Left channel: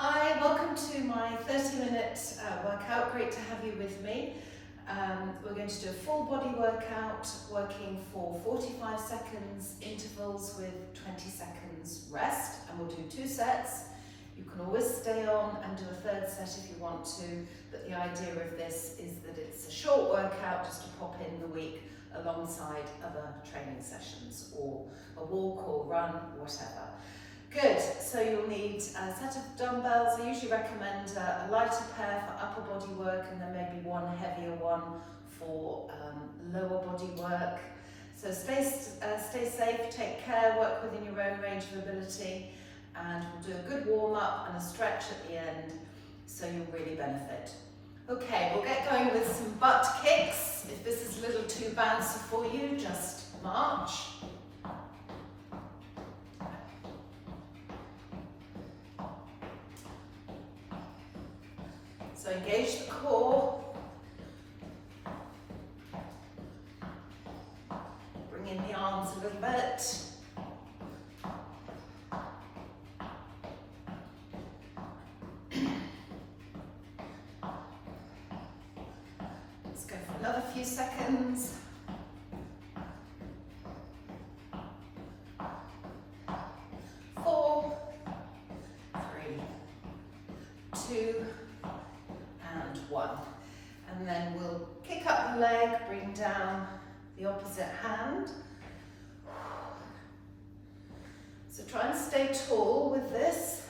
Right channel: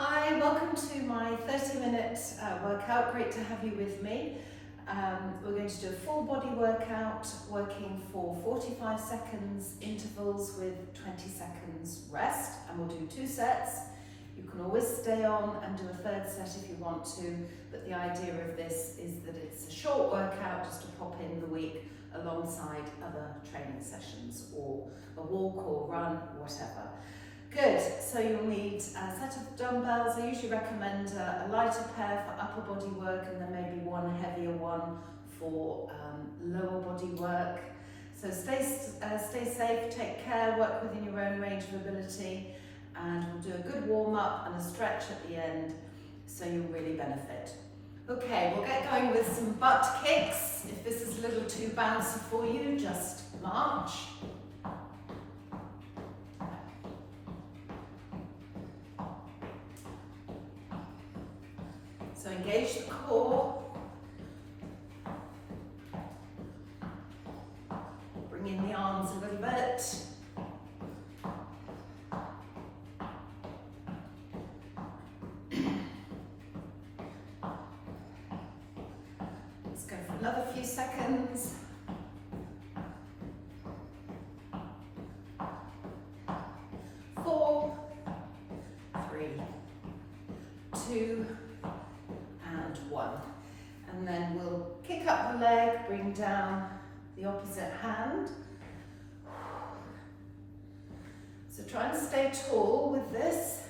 Hi, welcome to my 30-minute workout. Great to have you with me. We're going to do a full body workout, working for 45 seconds intervals with 20 seconds rest, and we'll do 2 sets. You can always stay on and do a third set if you want to, but the idea of this is that it's a short workout just to pop in the week alongside other training sessions or a walk or run, whatever. Good, so you'll need a set of dumbbells. I usually recommend a lighter pair for upper body work and then maybe one heavier one for lower body work. So stay safe, take care, work within your own range of ability, and we'll do a good warm up and a stretch at the end so you'll really benefit. Okay, we'll get going with some butt kicks. If this is a little too bouncy for you, just march. So engage the core, bring in the arms a little bit. Let's go for another few seconds. 4, 3, 2, and 1. And then we'll kick up the leg, bring down the opposite hand. So try and stay tall with this.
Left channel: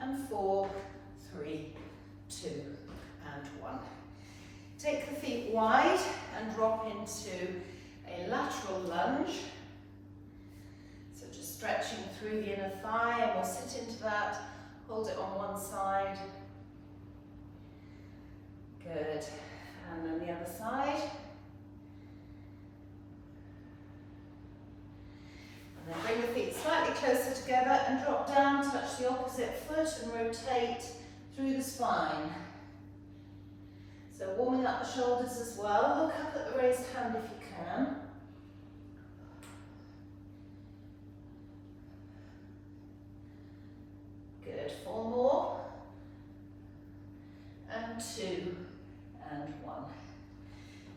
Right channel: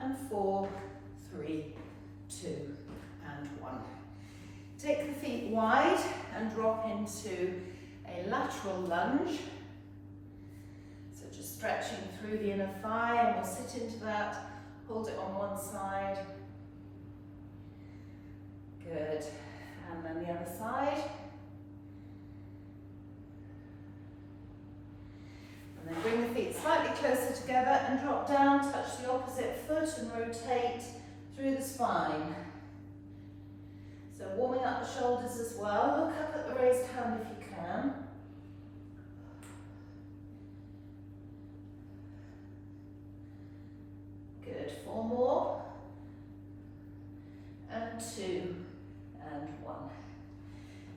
And 4, 3, 2, and 1. Take the feet wide and drop into a lateral lunge. So just stretching through the inner thigh, and we'll sit into that, hold it on one side. Good. And then the other side. And then bring the feet slightly closer together and drop down, touch the opposite foot and rotate through the spine. So warming up the shoulders as well. Look up at the raised hand if you can. Good, 4 more. And 2, and 1.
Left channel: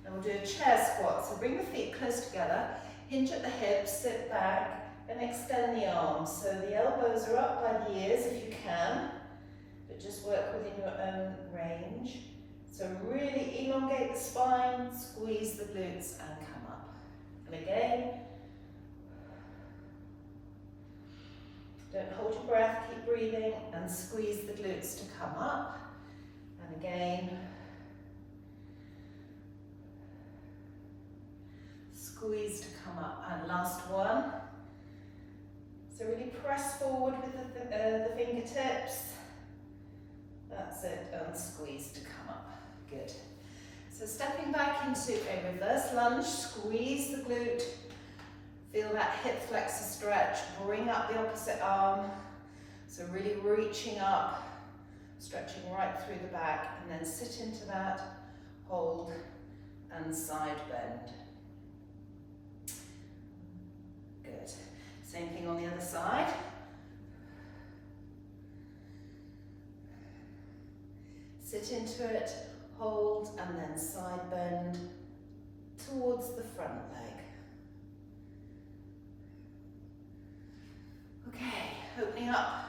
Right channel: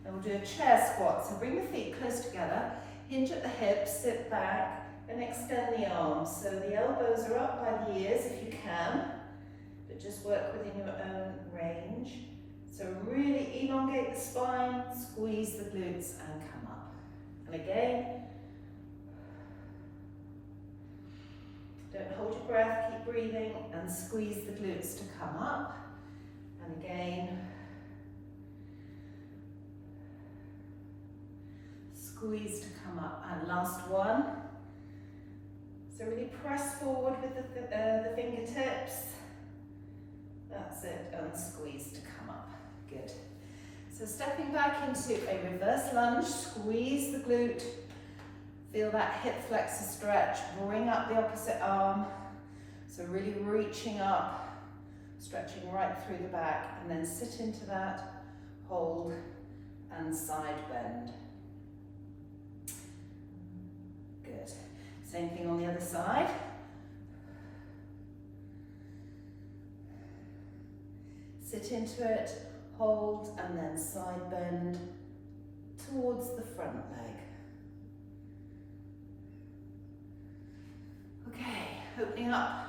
And we'll do a chair squat. So bring the feet close together, hinge at the hips, sit back, and extend the arms. So the elbows are up by the ears if you can, but just work within your own range. So really elongate the spine, squeeze the glutes, and come up. And again, don't hold your breath, keep breathing, and squeeze the glutes to come up. And again, squeeze to come up. And last one. So really press forward with the fingertips. That's it, and squeeze to come up. Good. So stepping back into a reverse lunge, squeeze the glute. Feel that hip flexor stretch, bring up the opposite arm. So really reaching up, stretching right through the back, and then sit into that, hold, and side bend. Good. Same thing on the other side. Sit into it, hold, and then side bend towards the front leg. Okay, opening up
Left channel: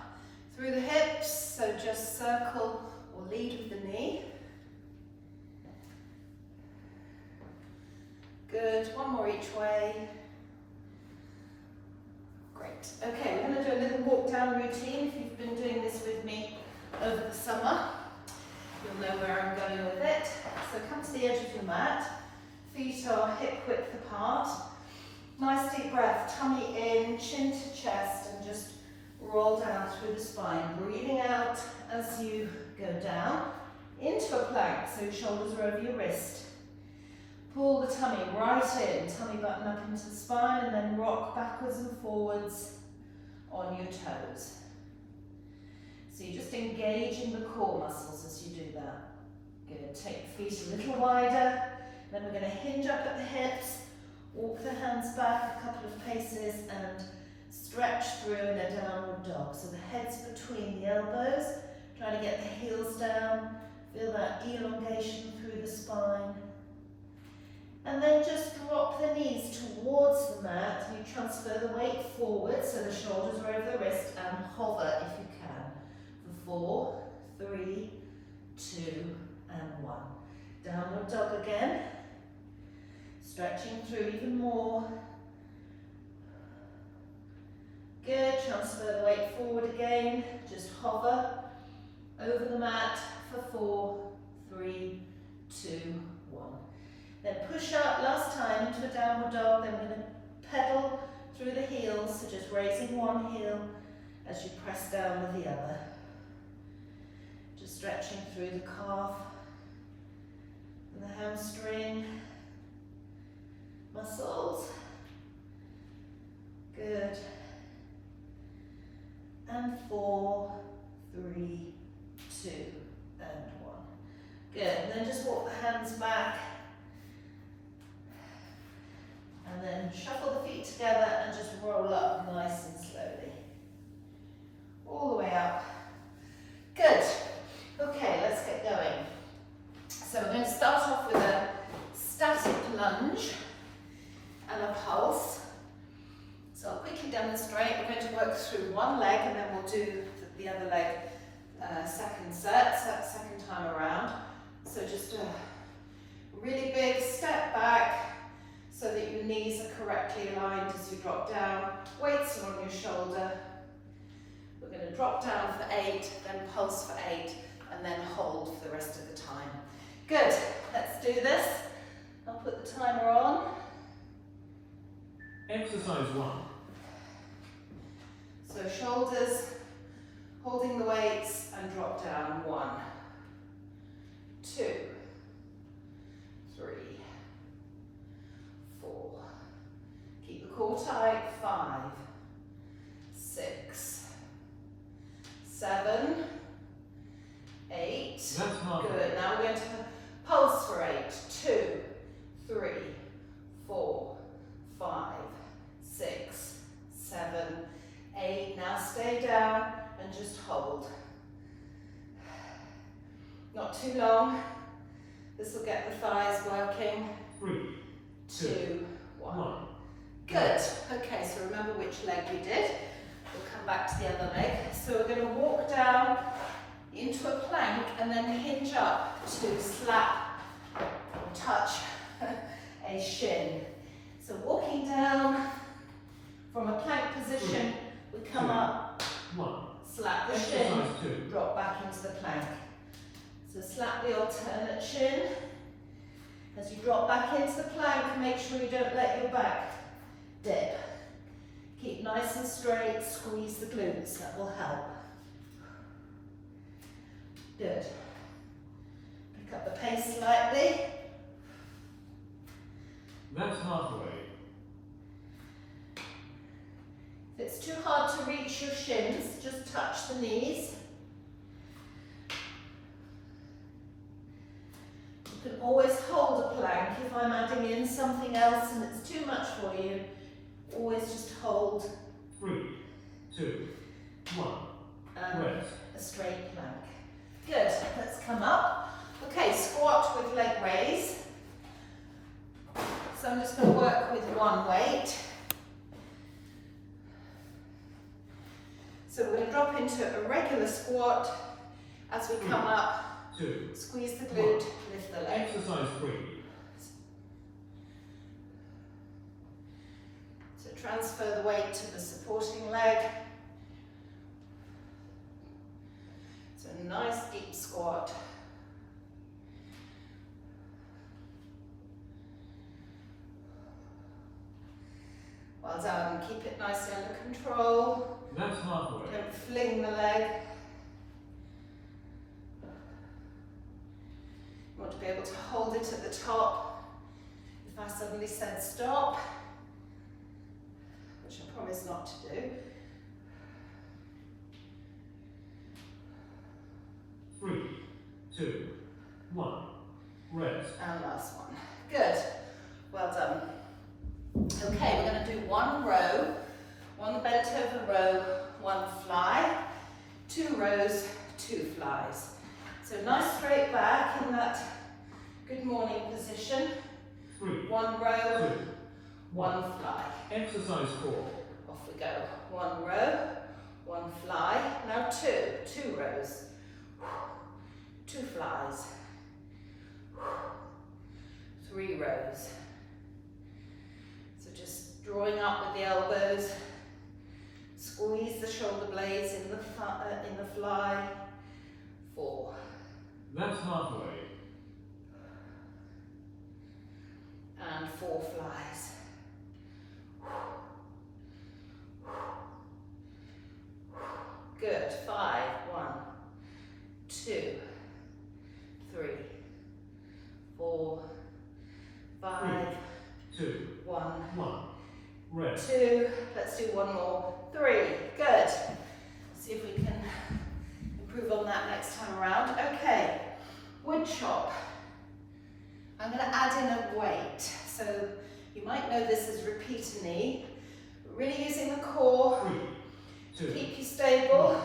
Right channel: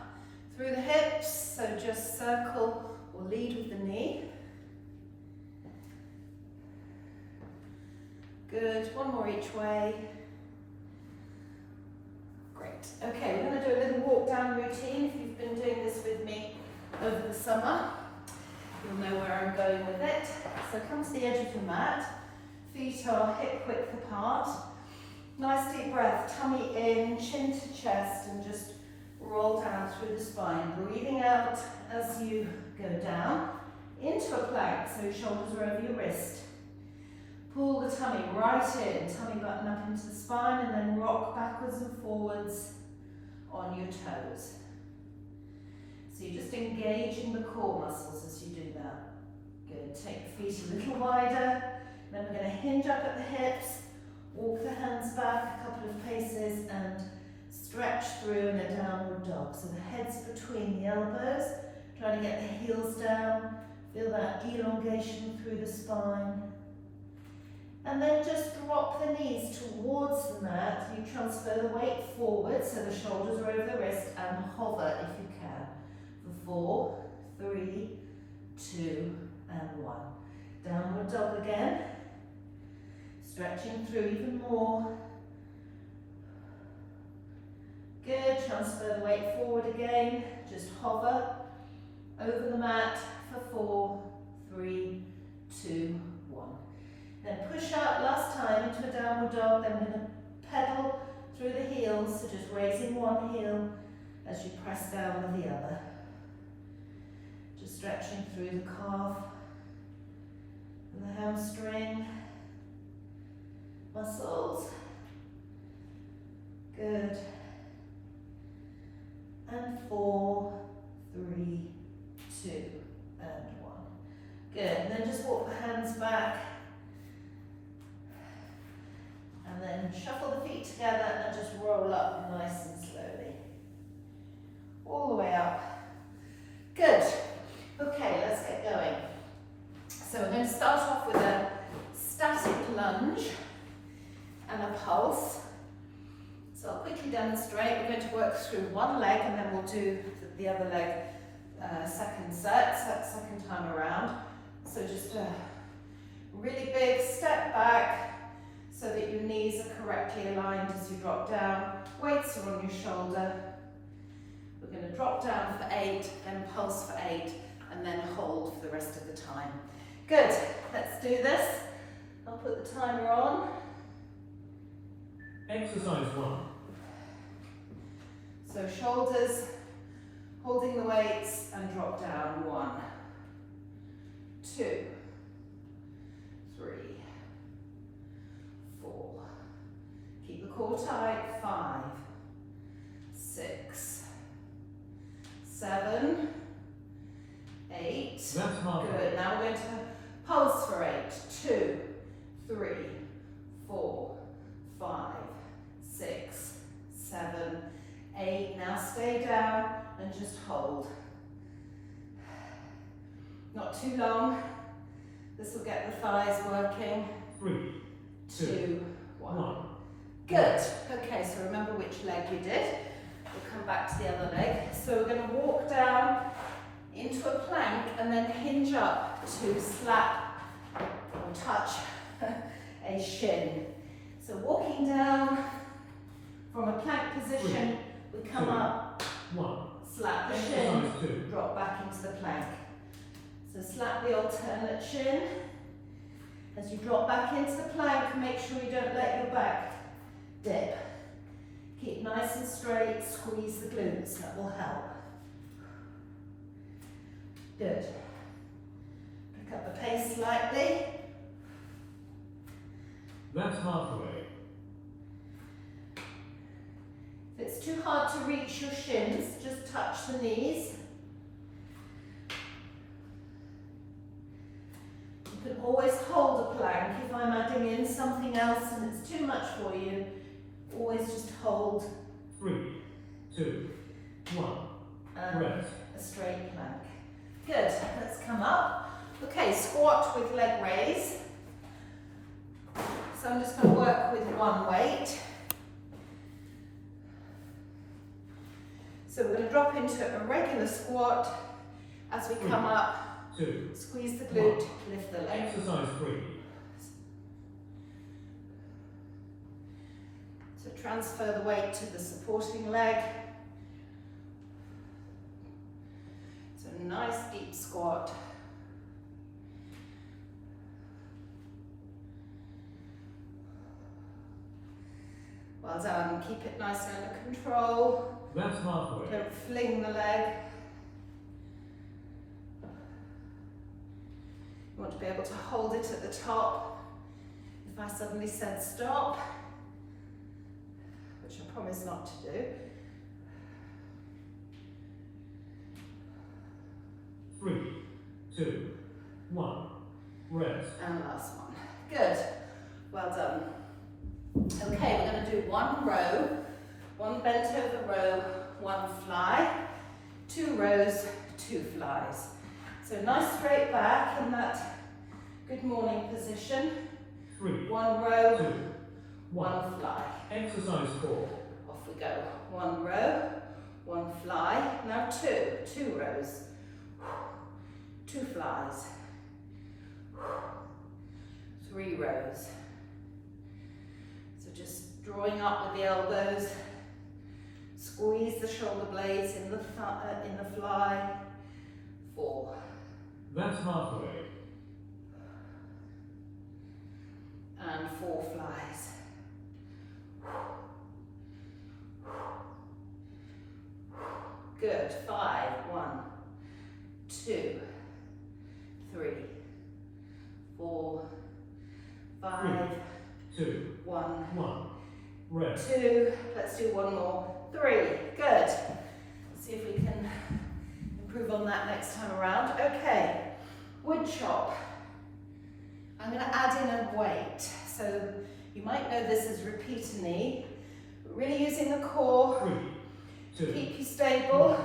through the hips, so just circle or lead with the knee. Good, 1 more each way. Great. Okay, we're going to do a little walk down routine. If you've been doing this with me over the summer, you'll know where I'm going with it. So come to the edge of your mat, feet are hip width apart. Nice deep breath, tummy in, chin to chest, and just roll down through the spine. Breathing out as you go down into a plank, so shoulders are over your wrist. Pull the tummy right in, tummy button up into the spine, and then rock backwards and forwards on your toes. So you're just engaging the core muscles as you do that. Good, take the feet a little wider, then we're going to hinge up at the hips, walk the hands back a couple of paces and stretch through in a downward dog. So the head's between the elbows, trying to get the heels down. Feel that elongation through the spine. And then just drop the knees towards the mat. You transfer the weight forward so the shoulders are over the wrist and hover if you can. For 4, 3, 2, and 1. Downward dog again. Stretching through even more. Good. Transfer the weight forward again. Just hover over the mat for 4, 3, 2, 1. Then push up last time into a downward dog. Then we're going to pedal through the heels. So just raising one heel as you press down with the other. Just stretching through the calf, the hamstring, muscles. Good. And 4, 3, 2, and 1. Good. And then just walk the hands back. And then shuffle the feet together and just roll up nice and slowly. All the way up. Good. Okay, let's get going. So we're going to start off with a static lunge and a pulse. So I'll quickly demonstrate. We're going to work through one leg and then we'll do the other leg second time around. So just a really big step back so that your knees are correctly aligned as you drop down. Weights are on your shoulder. We're going to drop down for 8, then pulse for 8, and then hold for the rest of the time. Good, let's do this. I'll put the timer on. Exercise 1. So shoulders, holding the weights and drop down. 1, 2, 3, 4. Keep the core tight. 5, 6, 7, 8. That's half. Good. Now we're going to pulse for 8. 2, 3, 4, 5, 6, 7, 8. Now stay down and just hold. Not too long. This will get the thighs working. 3, 2, 1. Good. Okay, so remember which leg you did. We'll come back to the other leg. So we're going to walk down into a plank and then hinge up to slap or touch a shin. So walking down from a plank position, we come up, 1. slap the shin, drop back into the plank. So slap the alternate shin. As you drop back into the plank, make sure you don't let your back dip. Keep nice and straight, squeeze the glutes, that will help. Good. Pick up the pace slightly. That's halfway. If it's too hard to reach your shins, just touch the knees. You can always hold a plank. If I'm adding in something else and it's too much for you, always just hold. 3, 2, 1. And rest. A straight plank. Good. Let's come up. Okay, squat with leg raise. So I'm just going to work with one weight. So we're going to drop into a regular squat. As we come up, 2, squeeze the glute, lift the leg. Exercise 3. So transfer the weight to the supporting leg. So nice deep squat. Well done. Keep it nicely under control. That's halfway. Don't fling the leg. You want to be able to hold it at the top. If I suddenly said stop, which I promise not to do. 3, 2, 1. Rest. And last one. Good. Well done. Okay, we're going to do one row One bent over row, one fly, 2 rows, 2 flies. So nice straight back in that good morning position. 3, 1 row, 2, 1 fly. Exercise 4. Off we go. 1 row, 1 fly. Now 2 rows, 2 flies, 3 rows. So just drawing up with the elbows, squeeze the shoulder blades in the fly. 4. That's halfway. And 4 flies. Good. 5. 1, 2, 3, 4, 5, 2, 1, 1. Rest. 2. Let's do one more. 3. Good. See if we can improve on that next time around. Okay. Wood chop. I'm going to add in a weight. So you might know this as repeat a knee. Really using the core. 3, 2, Keep you stable.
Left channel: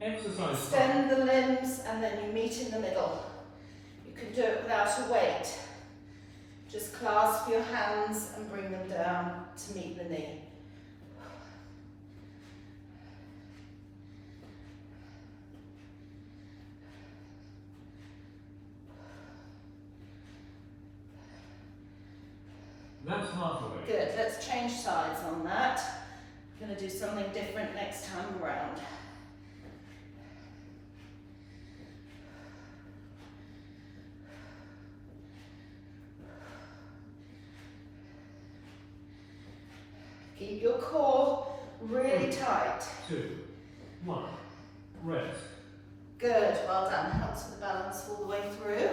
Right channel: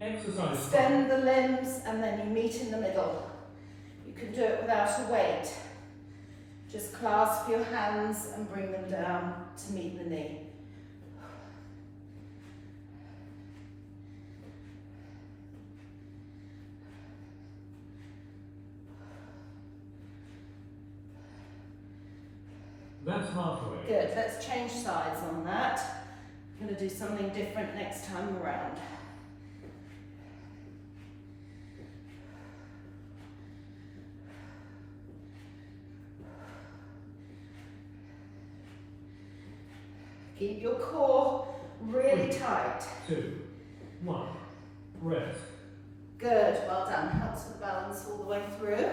Exercise Extend the limbs and then you meet in the middle. You can do it without a weight. Just clasp your hands and bring them down to meet the knee. That's halfway. Good, let's change sides on that. I'm going to do something different next time around. Keep your core really tight. 2, 1. Rest. Good, well done. Helps with the balance all the way through.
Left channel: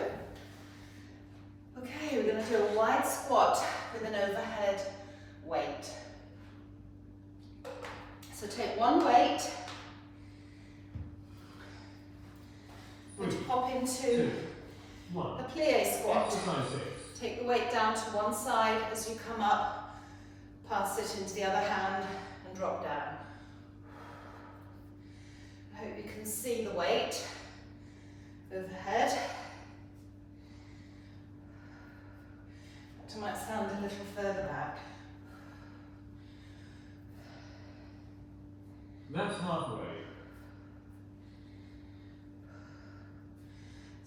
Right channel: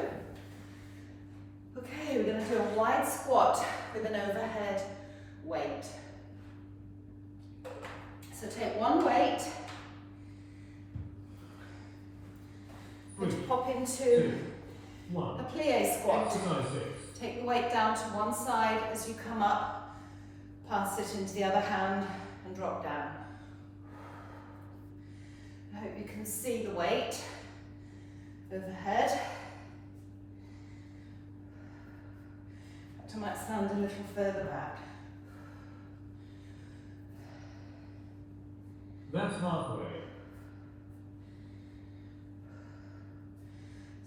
Okay, we're going to do a wide squat with an overhead weight. So take one weight, and pop into 2, 1. a plie squat. Exercise 6. Take the weight down to one side as you come up, pass it into the other hand and drop down. I hope you can see the weight overhead. It might stand a little further back. That's halfway.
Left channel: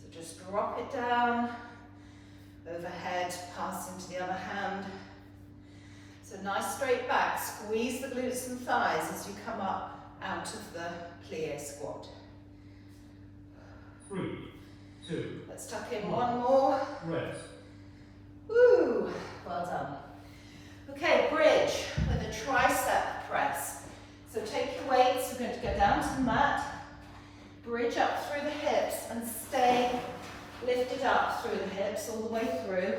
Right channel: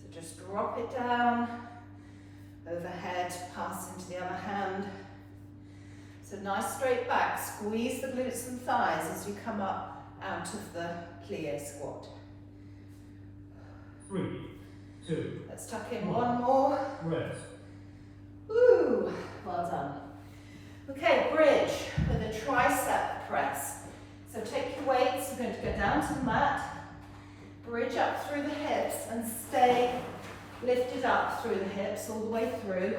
So just drop it down, overhead, pass into the other hand. So nice straight back, squeeze the glutes and thighs as you come up out of the plie squat. 3, 2. Let's tuck in one more. Rest. Woo, well done. Okay, bridge with a tricep press. So take your weights, you're going to go down to the mat, bridge up through the hips and stay lifted up through the hips all the way through.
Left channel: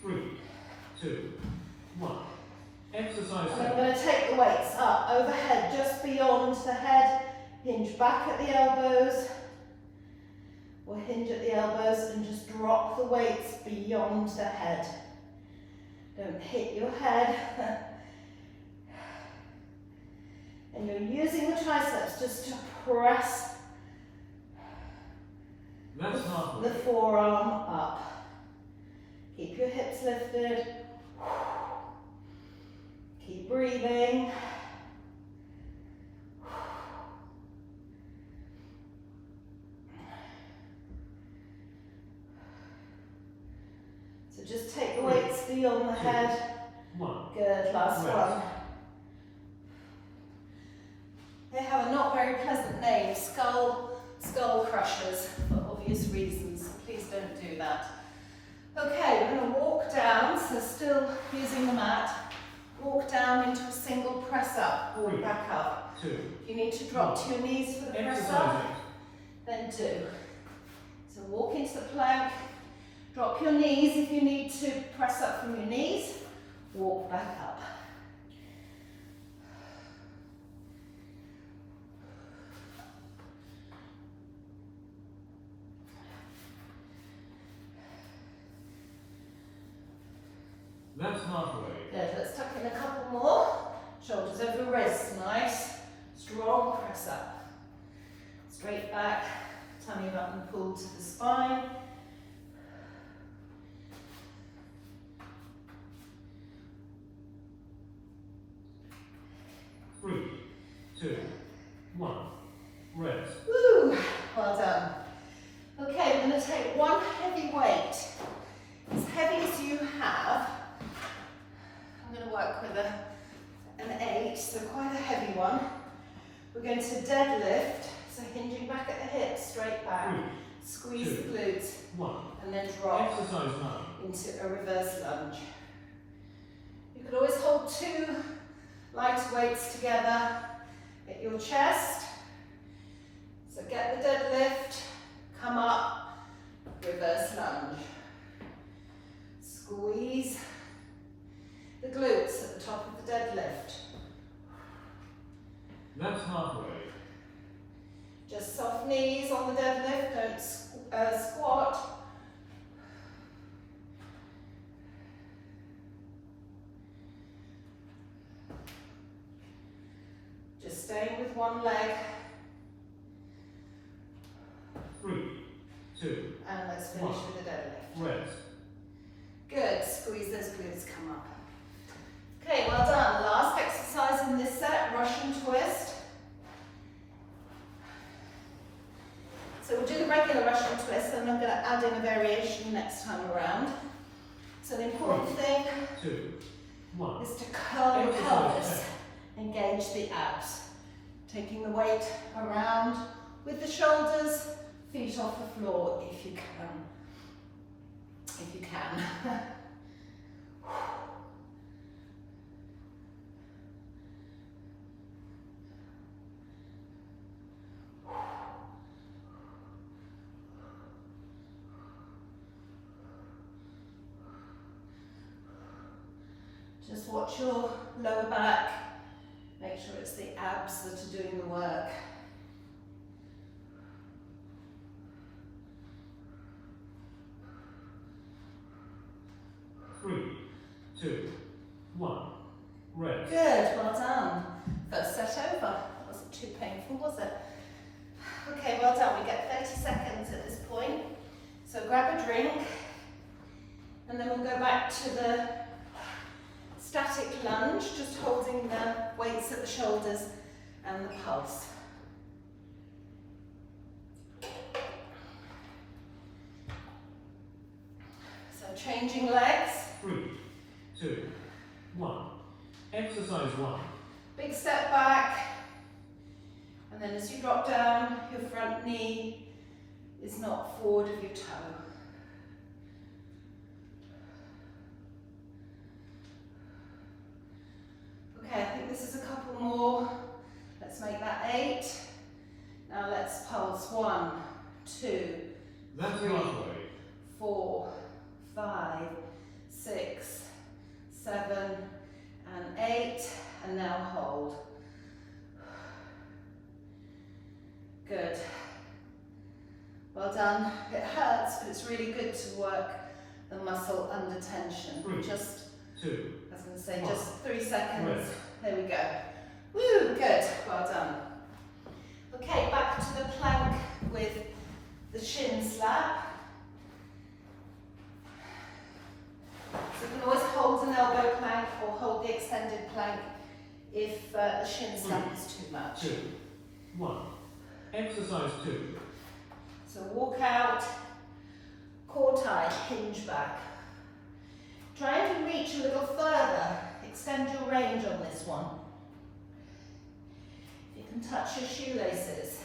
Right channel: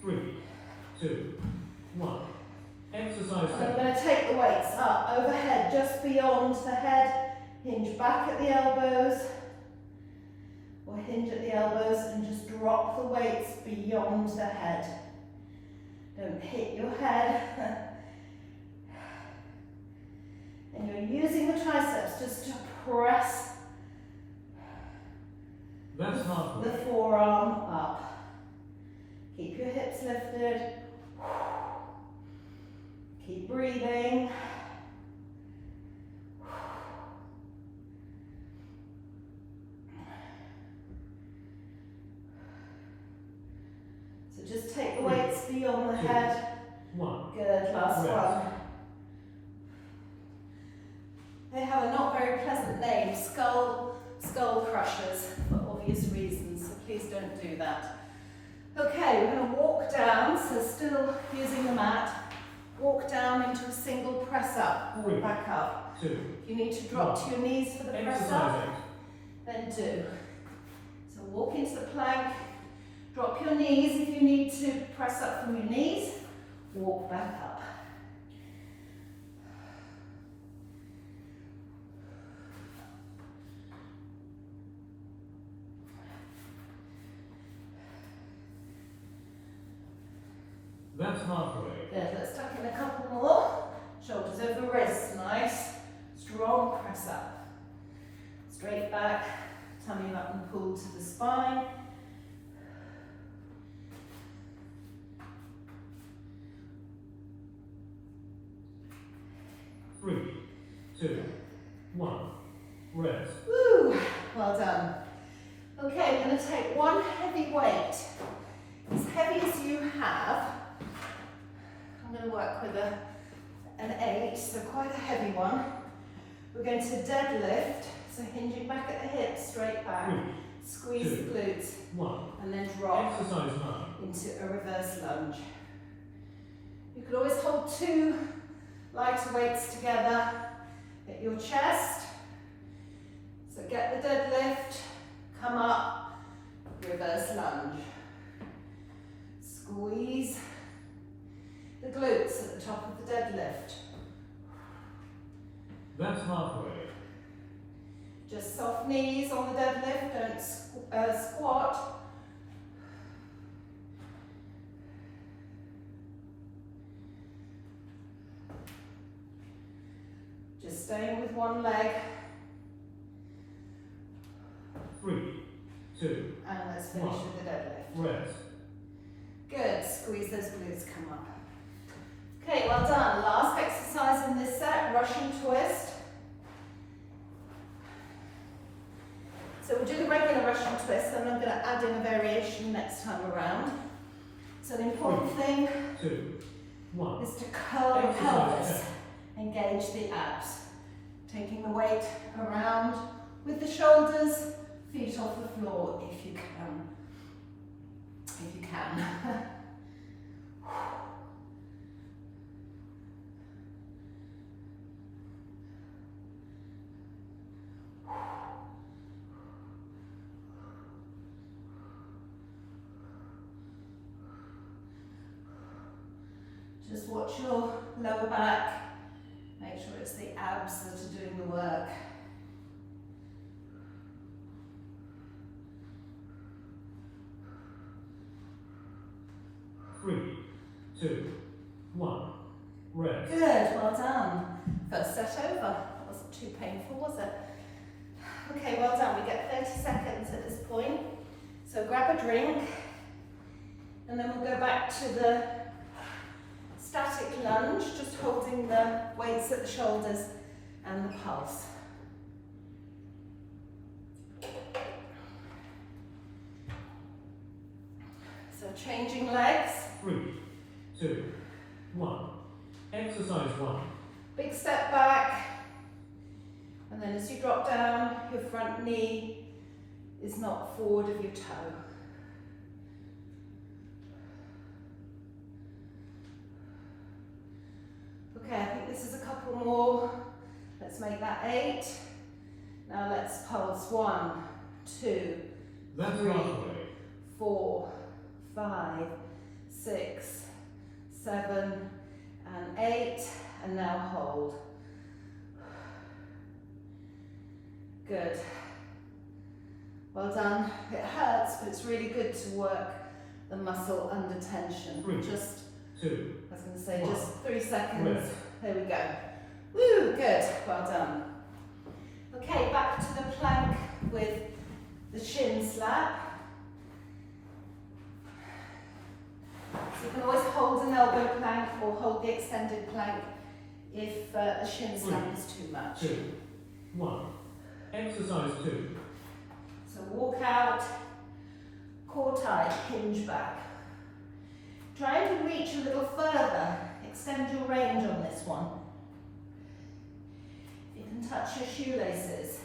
3, 2, 1. Exercise And I'm 7. going to take the weights up overhead, just beyond the head, hinge back at the elbows, or hinge at the elbows and just drop the weights beyond the head. Don't hit your head. And you're using the triceps just to press That's halfway. the forearm up. Keep your hips lifted. Keep breathing. So just take the weights beyond the head. 1. Good, last Rest. one. They have a not very pleasant name, skull crushers, for obvious reasons, so please don't do that. Okay, we're going to walk down, so still using the mat, walk down into a single press up, Three. back up. 2. If you need to drop to your knees for the press Exercise up, then do. So walk into the plank, drop your knees if you need to press up from your knees, walk back up. That's halfway. Good, let's tuck in a couple more. Shoulders over wrists, nice, strong press up. Straight back, tummy button pulled to the spine. Three, two, one. Rest. Woo, well done. Okay, we're going to take one heavy weight, as heavy as you have. I'm going to work with an 8, so quite a heavy one. We're going to deadlift, so hinging back at the hips, straight back, squeeze the glutes, and then drop Exercise 9. into a reverse lunge. You could always hold 2 lighter weights together at your chest. So get the deadlift, come up, reverse lunge. Squeeze the glutes at the top of the deadlift. That's halfway. Just soft knees on the deadlift, don't squat. Just staying with one leg. 3, 2, And let's finish with the deadlift. rest. Good, squeeze those glutes, come up. Okay, well done. Last exercise in this set, Russian twist. So we'll do the regular Russian twist, and I'm going to add in a variation next time around. So the important thing 2, 1. is to curl the pelvis, engage the abs. Taking the weight around with the shoulders, feet off the floor if you can. If you can. Just watch your lower back. Make sure it's the abs that are doing the work. Three, 2, 1. Rest. Good, well done. First set over. Wasn't too painful, was it? Okay, well done. We get 30 seconds at this point. So grab a drink, and then we'll go back to the static lunge, just holding the weights at the shoulders and the pulse. So changing legs. 3, 2, 1. Exercise 1. Big step back, and then as you drop down, your front knee is not forward of your toe. Okay, I think this is a couple more. Let's make that 8. Now let's pulse 1, 2, That's 3, halfway. 4, 5, 6, 7, and 8, and now hold. Good. Well done. It hurts, but it's really good to work the muscle under tension. 3, Just, 2, I was going to say, 1. just 3 seconds. Rest. There we go. Woo, good. Well done. Okay, back to the plank with the shin slap. So you can always hold an elbow plank or hold the extended plank if the shin slap is too much. 2, 1. Exercise 2. So walk out, core tight, hinge back. Trying to reach a little further, extend your range on this one. You can touch your shoelaces.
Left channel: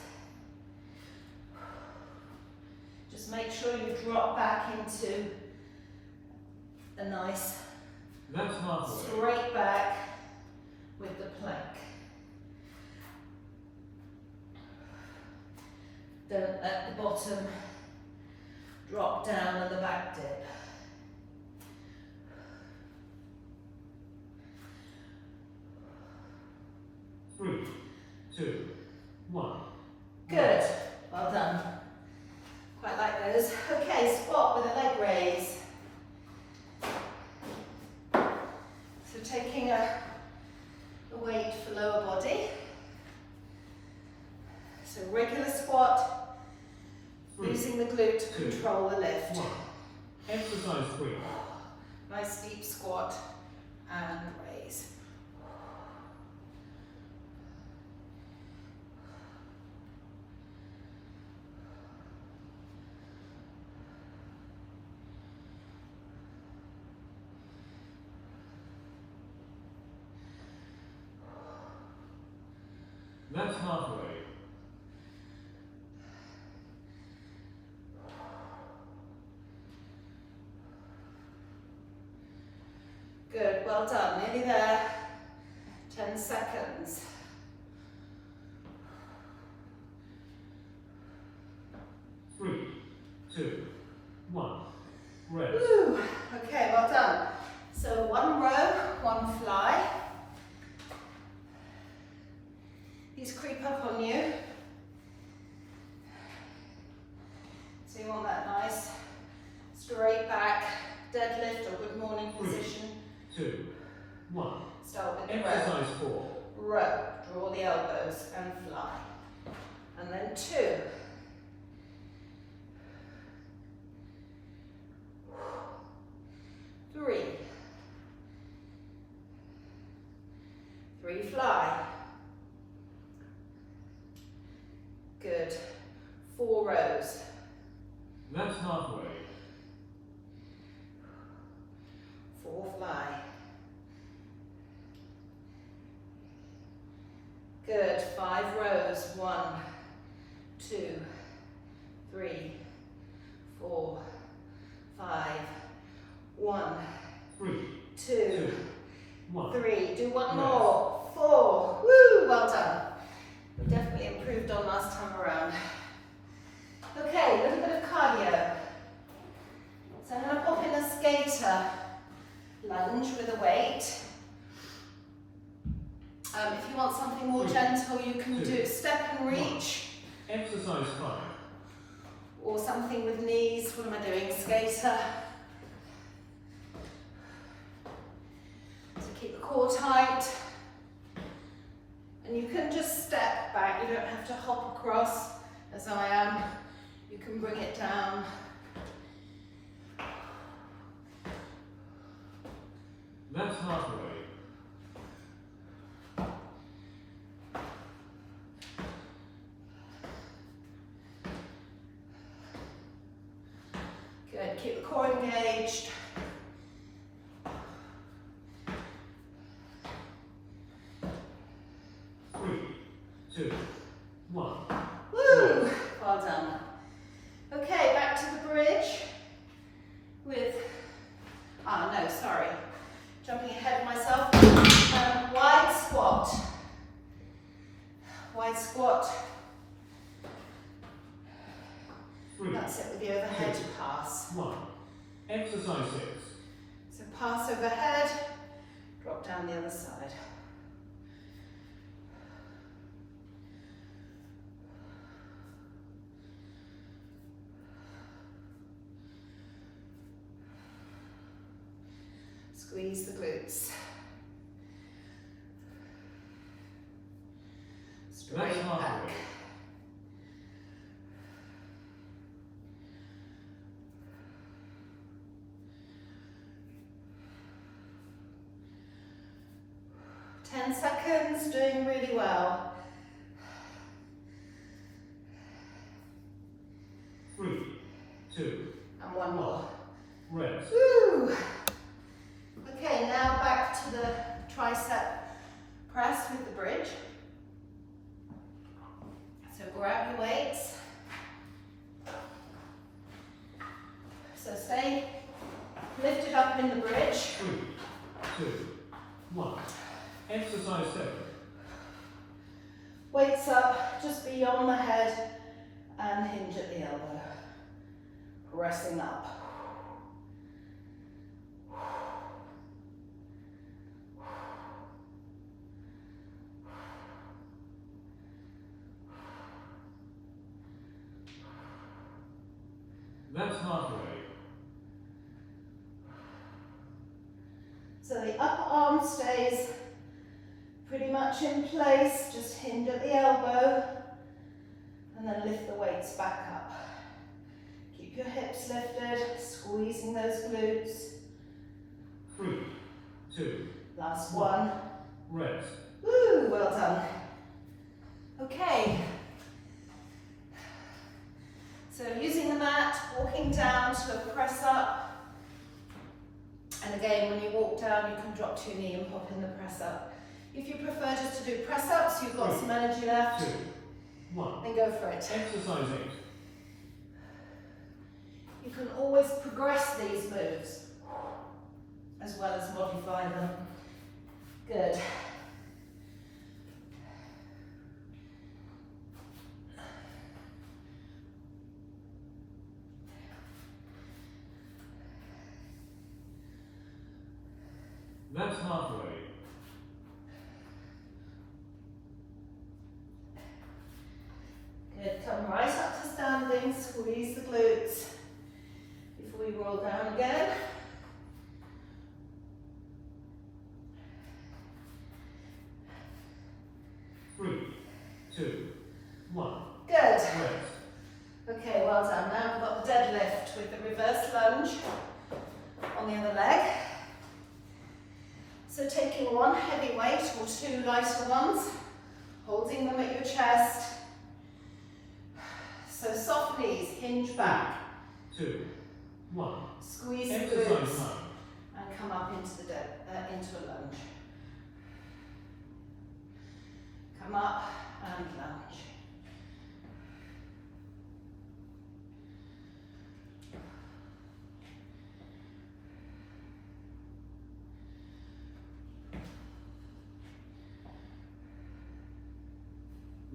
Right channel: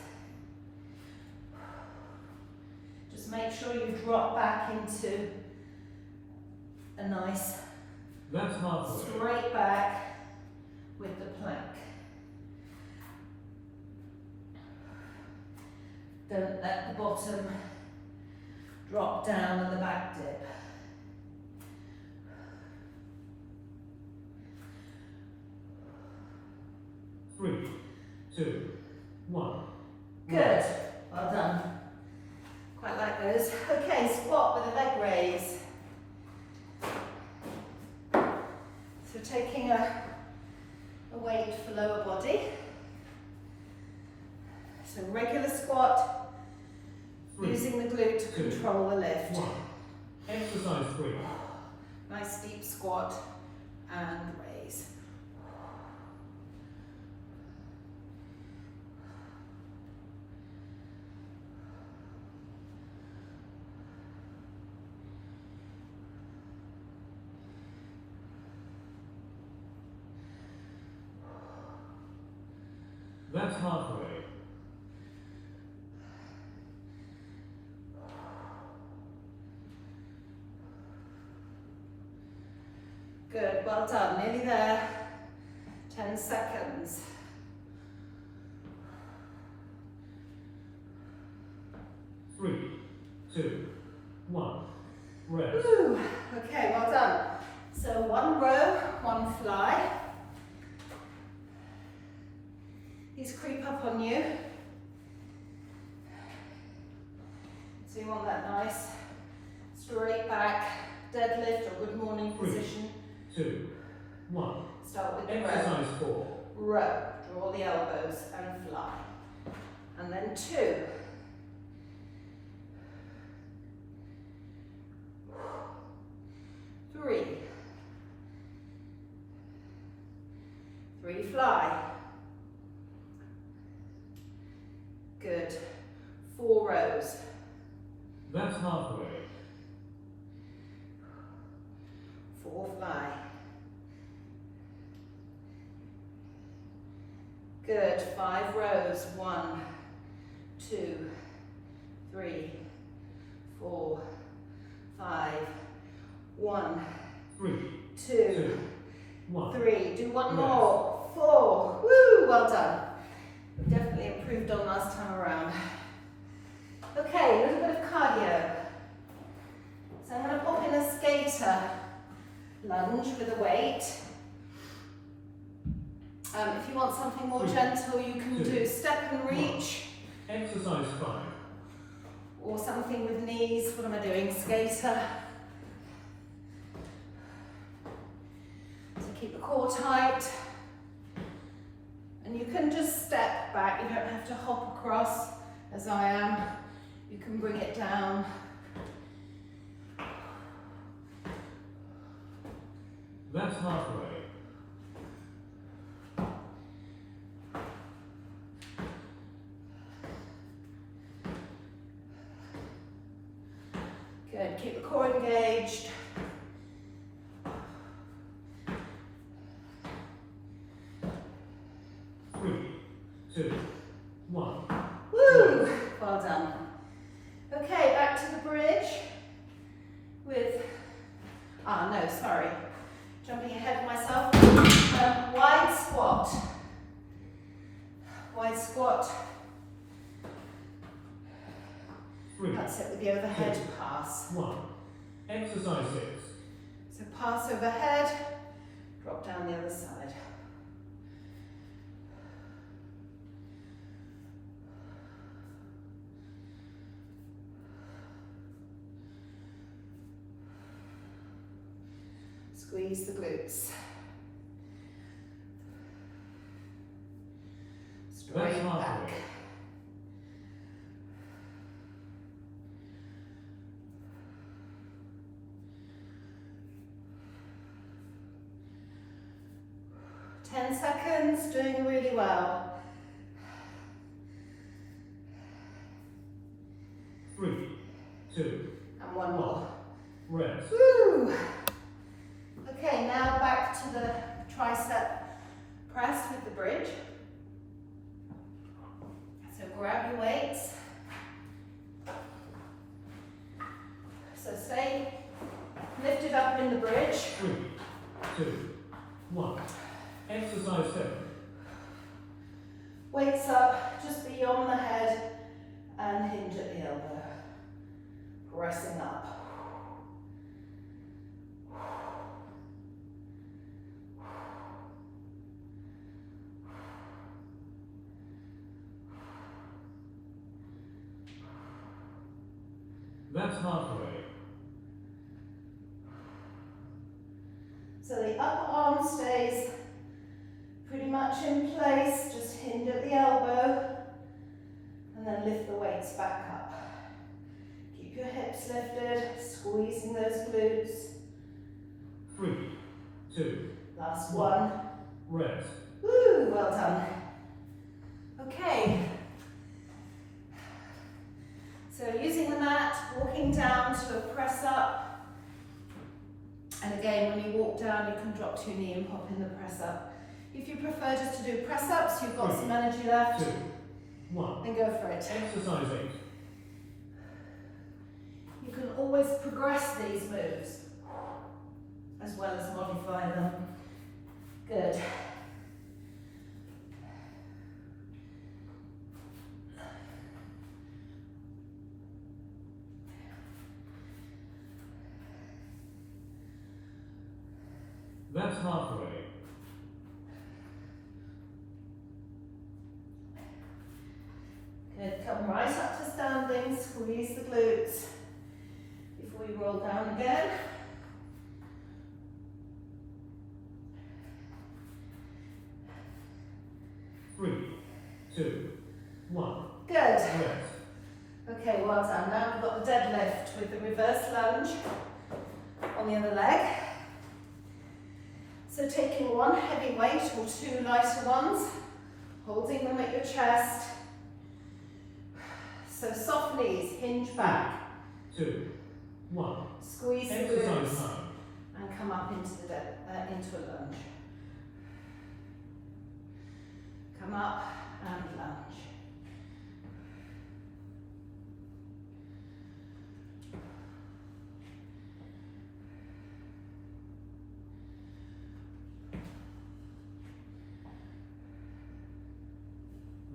Just make sure you drop back into a nice That's halfway. straight back with the plank. Don't let the bottom drop down on the back dip. Three, 2, 1. Good, well done. Quite like those. Okay, squat with a leg raise. So taking a a weight for lower body. So regular squat, using the glute to control the lift. 1. Exercise 3. Nice deep squat and raise. That's halfway. Good, well done, nearly there. 10 seconds. Three, two, one. Rest. Woo. Okay, well done. So one row, one fly. These creep up on you. So you want that nice straight back deadlift or good morning position. 2, 1. Start with the row. Exercise 4. Row. Draw the elbows and fly. And then 2. 3. 3 fly. Good. 4 rows. That's halfway. 4 fly. Good. 5 rows. 1, 2, 3, 4, 5. 1, 3, 2, 1. 3. Do one more. 4. Woo! Well done. We've definitely improved on last time around. Okay, a little bit of cardio. So I'm going to pop in a skater lunge with a weight. If you want something more gentle, you can do step and reach. Exercise 5. Or something with knees. What am I doing? Skater. So keep the core tight. And you can just step back. You don't have to hop across as I am. You can bring it down. That's halfway. Good. Keep the core engaged. Three, two, one. Woo! Well done. Okay, back to the bridge with, no, sorry. Jumping ahead of myself. Wide squat. Wide squat. Three, That's it with the overhead pass. 1. Exercise 6. So pass overhead, drop down the other side. Squeeze the glutes. Straight back. 10 seconds, doing really well. 3, 2, And one more. rest. Woo! Okay, now back to the tricep press with the bridge. So grab your weights. So stay lifted up in the bridge. 3, 2, 1. Exercise 7. Weights up just beyond the head and hinge at the elbow. Pressing up. That's halfway. So the upper arm stays Pretty much in place, just hinge at the elbow and then lift the weights back up. Keep your hips lifted, squeezing those glutes. 3, 2, Last one. rest. Woo, well done. Okay. So using the mat, walking down to a press up. And again, when you walk down, you can drop to your knee and pop in the press up. If you prefer just to do press ups, you've got some energy left, 2, 1. then go for it. Exercise 8. You can always progress these moves as well as modify them. Good. That's halfway. Good. Come right up to standing, squeeze the glutes before you roll down again. Three, 2, 1. Good. Rest. Okay, well done. Now we've got the deadlift with the reverse lunge on the other leg. So taking one heavy weight or two lighter ones, holding them at your chest. So soft knees, hinge back. 2, 1. Squeeze the Exercise glutes 9. and come up into the into a lunge. Come up and lunge.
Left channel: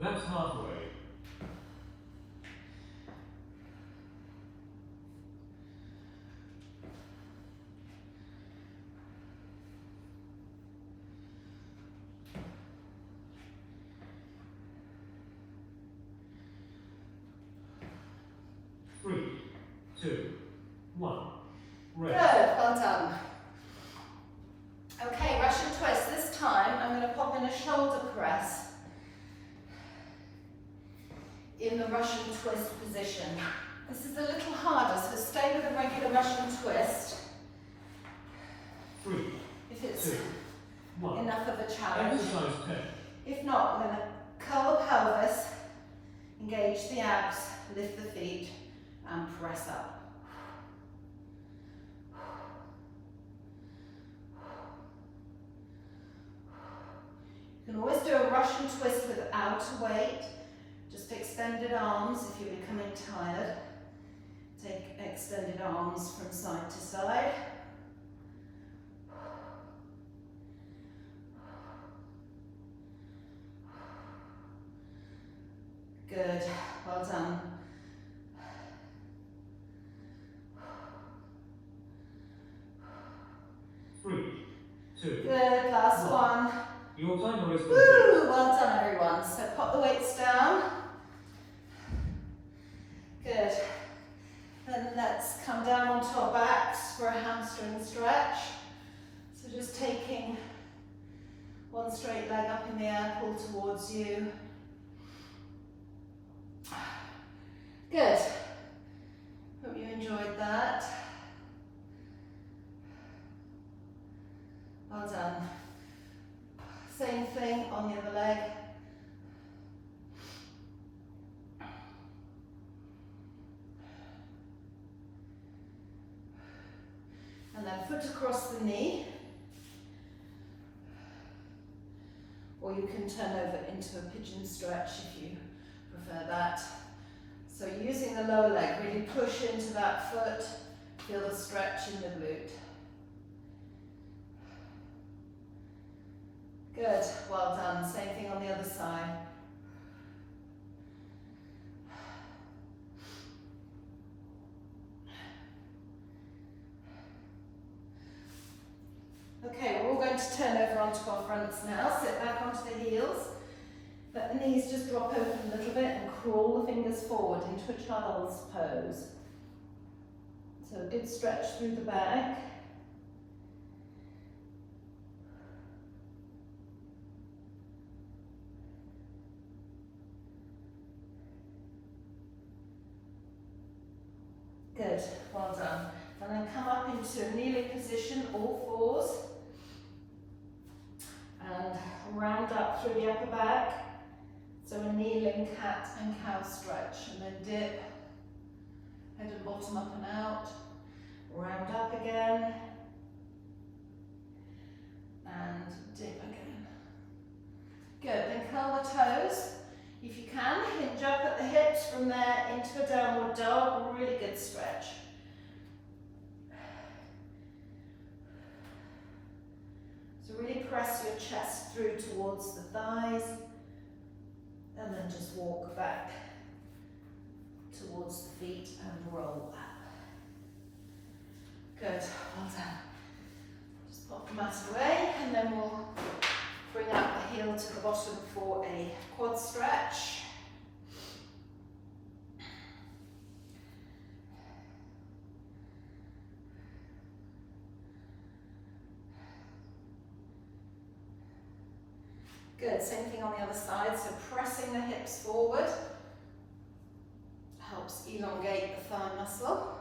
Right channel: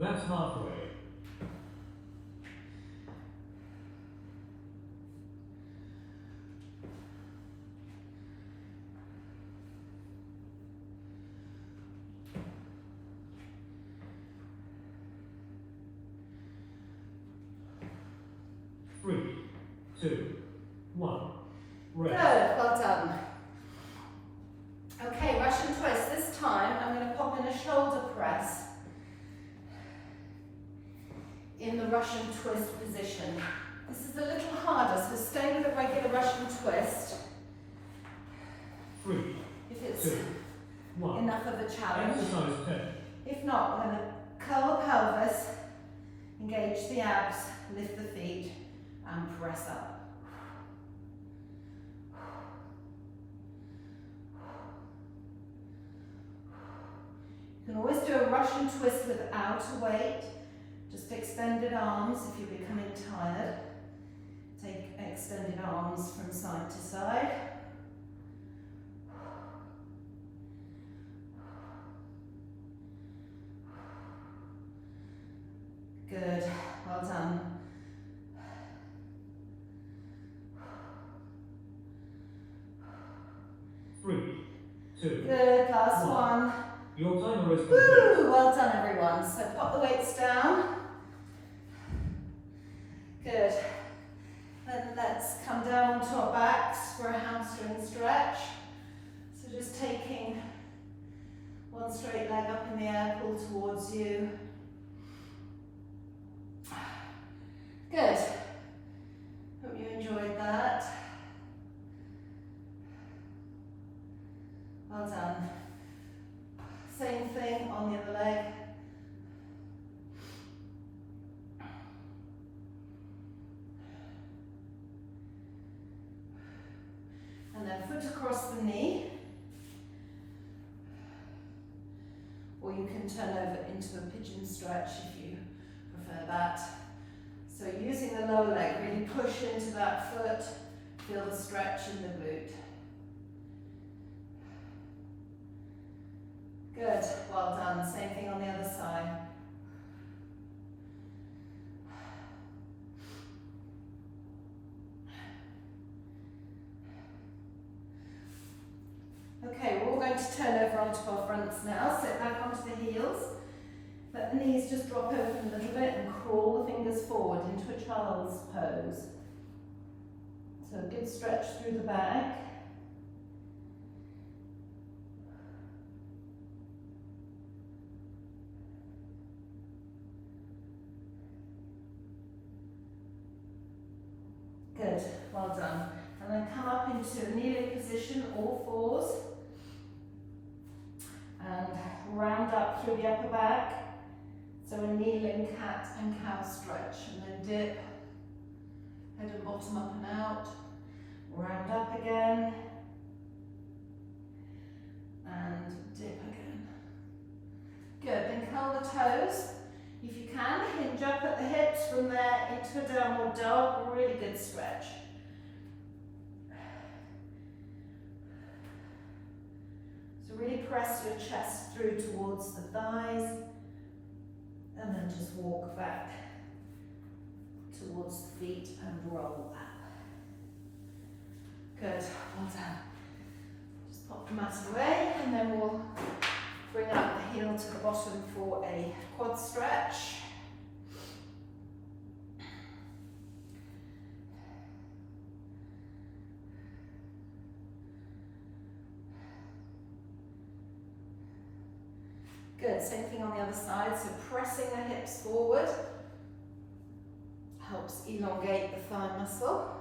That's halfway. Three, 2, 1. Good, Rest. well done. Okay, Russian twist. This time I'm going to pop in a shoulder press in the Russian twist position. This is a little harder, so stay with a regular Russian twist 3, if it's 2, 1. enough of a challenge. Exercise 10. If not, we're going to curl the pelvis, engage the abs, lift the feet and press up. You can always do a Russian twist without a weight, just extended arms if you're becoming tired. Take extended arms from side to side. Good, well done. Three, 2. Good, last One. one. Your timer is complete. Woo, well done everyone. So pop the weights down. Good. Then let's come down onto our backs for a hamstring stretch. So just taking one straight leg up in the air, pull towards you. Good. Hope you enjoyed that. Well done. Same thing on the other leg. And then foot across the knee. Or you can turn over into a pigeon stretch if you prefer that. So using the lower leg, really push into that foot, feel the stretch in the glute. Good, well done. Same thing on the other side. Okay, we're all going to turn over onto our fronts now. Sit back onto the heels. Let the knees just drop open a little bit and crawl the fingers forward into a child's pose. So a good stretch through the back. well done. And then come up into a kneeling position, all fours. And round up through the upper back. So a kneeling cat and cow stretch. And then dip, head and bottom up and out. Round up again. And dip again. Good, then curl the toes. If you can, hinge up at the hips from there into a downward dog, a really good stretch. So really press your chest through towards the thighs and then just walk back towards the feet and roll up. Good, well done. Just pop the mat away and then we'll bring up the heel to the bottom for a quad stretch. Good, same thing on the other side, so pressing the hips forward helps elongate the thigh muscle.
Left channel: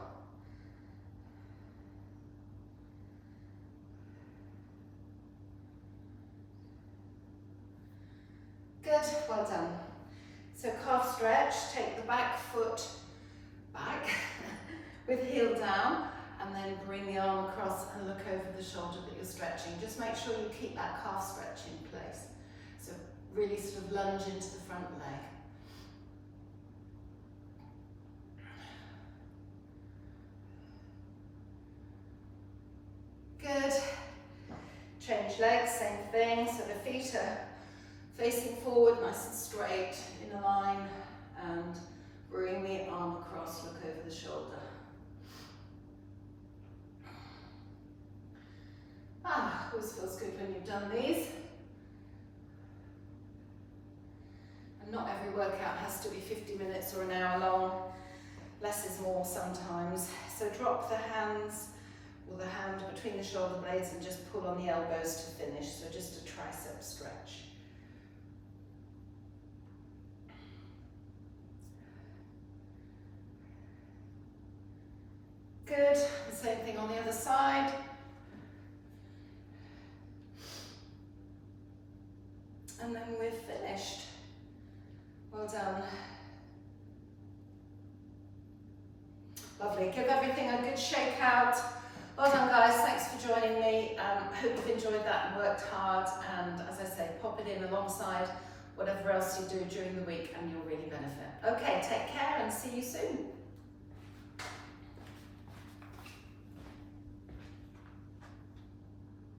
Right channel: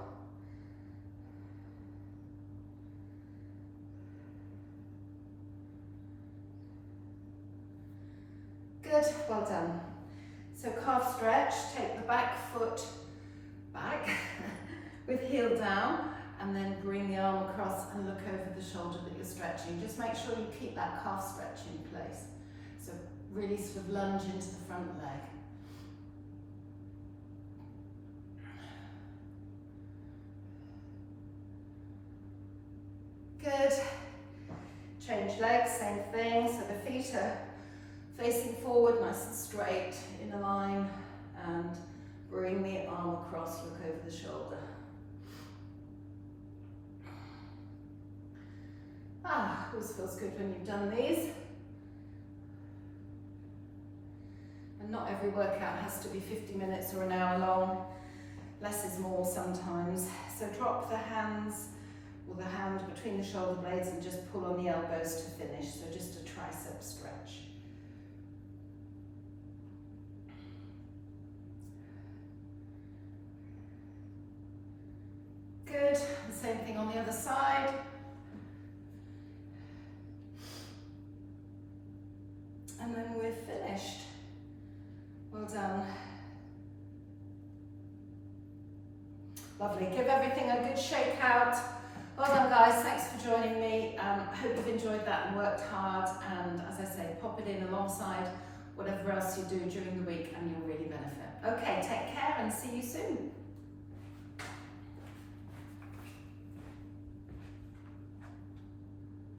Good, well done. So calf stretch, take the back foot back with heel down and then bring the arm across and look over the shoulder that you're stretching. Just make sure you keep that calf stretch in place. So really sort of lunge into the front leg. Good. Change legs, same thing. So the feet are facing forward, nice and straight, in a line, and bring the arm across, look over the shoulder. Always feels good when you've done these. And not every workout has to be 50 minutes or an hour long. Less is more sometimes. So drop the hands or the hand between the shoulder blades and just pull on the elbows to finish. So just a tricep stretch. Good, the same thing on the other side. And then we're finished. Well done. Lovely, give everything a good shake out. Well done guys, thanks for joining me. Hope you've enjoyed that and worked hard, and as I say, pop it in alongside whatever else you do during the week and you'll really benefit. Okay, take care and see you soon.